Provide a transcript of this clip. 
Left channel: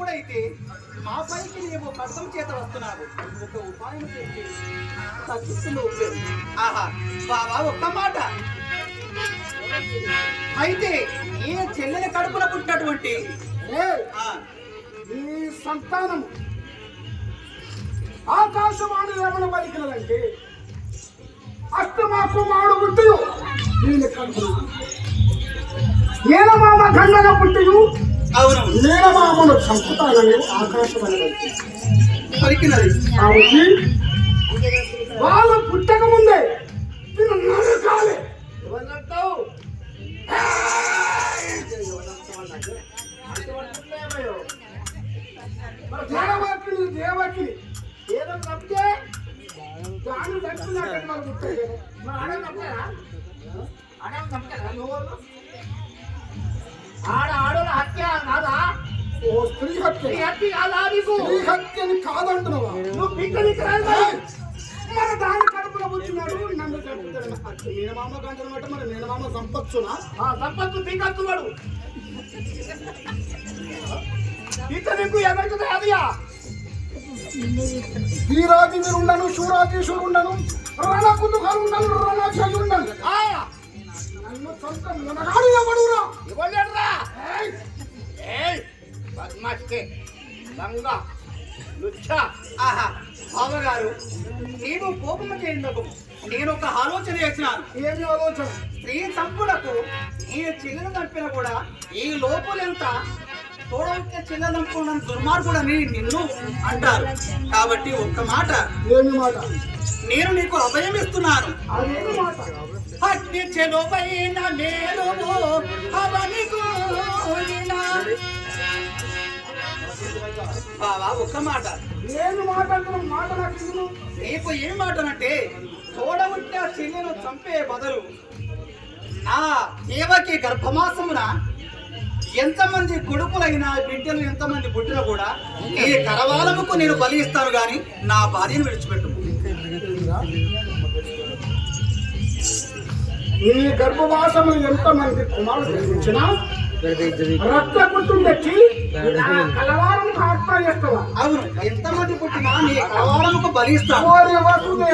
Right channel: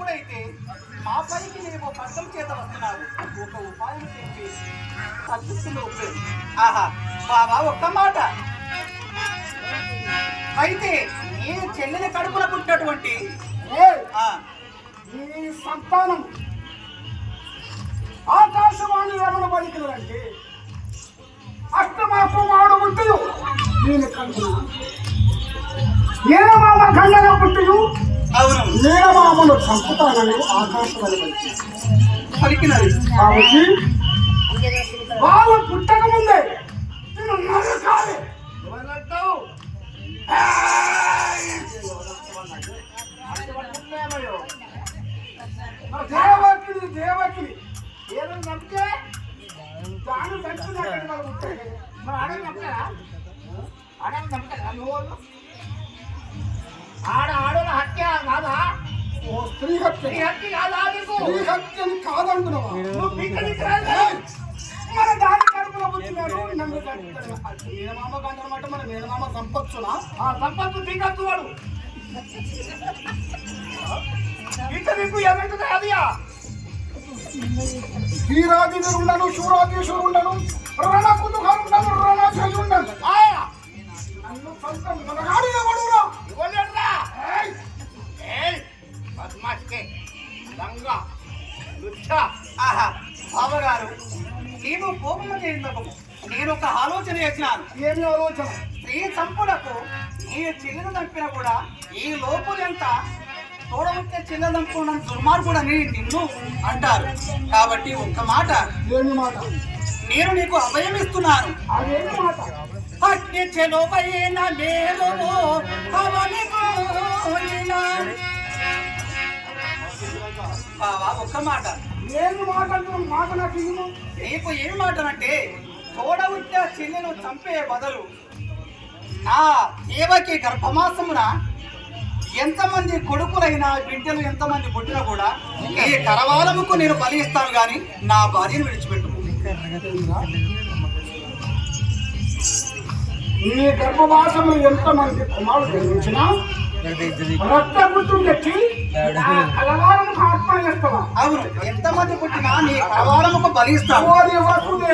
ఇప్పుడైతే మా పైకి నీవు పథకం చేత వస్తున్నావు, ఒక ఉపాయం చేసి తగ్గిస్తున్న ఉపయోగం. ఆహా బాబా, ఒక్క మాట. అయితే ఈ చెల్లెని కడుపున పుట్టినటువంటి ఈ సంతానం ఆకాశవాణి ఏమన పలికినదంటే అష్టమాకు వాడు పుట్టియు నేను కడుపు నేనమామ గండగా పుట్టియు అవును నేనమామను చంపుతానని ఆకాశవాణి పలికినది. కాబట్టి వాళ్ళు పుట్టక ముందే నేను నరకాలి. దేవకిని దేవకిని ఏదో నమ్మితే దాని నమ్ముతాయి. మరి అడవి నమ్మారా? అడవి నమ్ముతారా నువ్వు? ఆడోళ్ళ హత్య కాదా? ఓ స్త్రీ హత్య కాదా? నీకు స్త్రీ హత్యని కాదంటున్నావా? మన దాని కడుపులో పుట్టినాడు నన్ను మేనమామ గంటనమాట. మన మేనమామ సంపత్తునా? సంపత్తు దిగత్తువాడు ఇక నీకు ఎవరికి అదియా? వీరాధీనుడు ఉండను, శూరాధీశుడు ఉండను, రణకుతుగాలు ఉండను, రణాధ్యక్షుడు ఉండను. నన్ను సొంత మనగాడు ఎవడురా? ఇవ్వలేడురా. ఆహా బావగారు, నీవు కోపము చేయకు. నేను ఒక ఆలోచన చేసినాను. ఏమి ఆలోచన? స్త్రీ చంపులకు ఈ చిల్లును చంపినా కూడా ఈ లోపులెంత తోడబుట్టే చిల్లలు చంపుకున్నాను దుర్మార్గుడు అని నిన్ను అంటారు. కాబట్టి ఒక్క మాట, ఏమి మాట? నేను నీకు అభయం ఇస్తున్నాను. అదేమి మాట? అట్టి చెలువైన మీరు బావా, ఒక్క మాట. ఏమి మాట? మాట నాకు ఇవ్వను. నీకు ఏమి మాటనంటే తోడబుట్టే చిల్లెను చంపే బదులు ఆ దేవకి గర్భమాసమున ఎంతమంది కొడుకులైనా బిడ్డలు ఎంతమంది పుట్టినా కూడా ఈ కరవాలముకు నేను బలి ఇస్తాను గాని నా భార్యను విడిచిపెట్టు. ఈ గర్భవాసము ఎంతమంది కుమారుడు జన్మించినా రక్తపుత్రుడు తెచ్చి కలవారం ఆత్మ చేస్తావా? అవును, ఎంతమంది పుట్టినా నీ కరవాలముకు బలి ఇస్తాను. ఓరి వసుదేవ,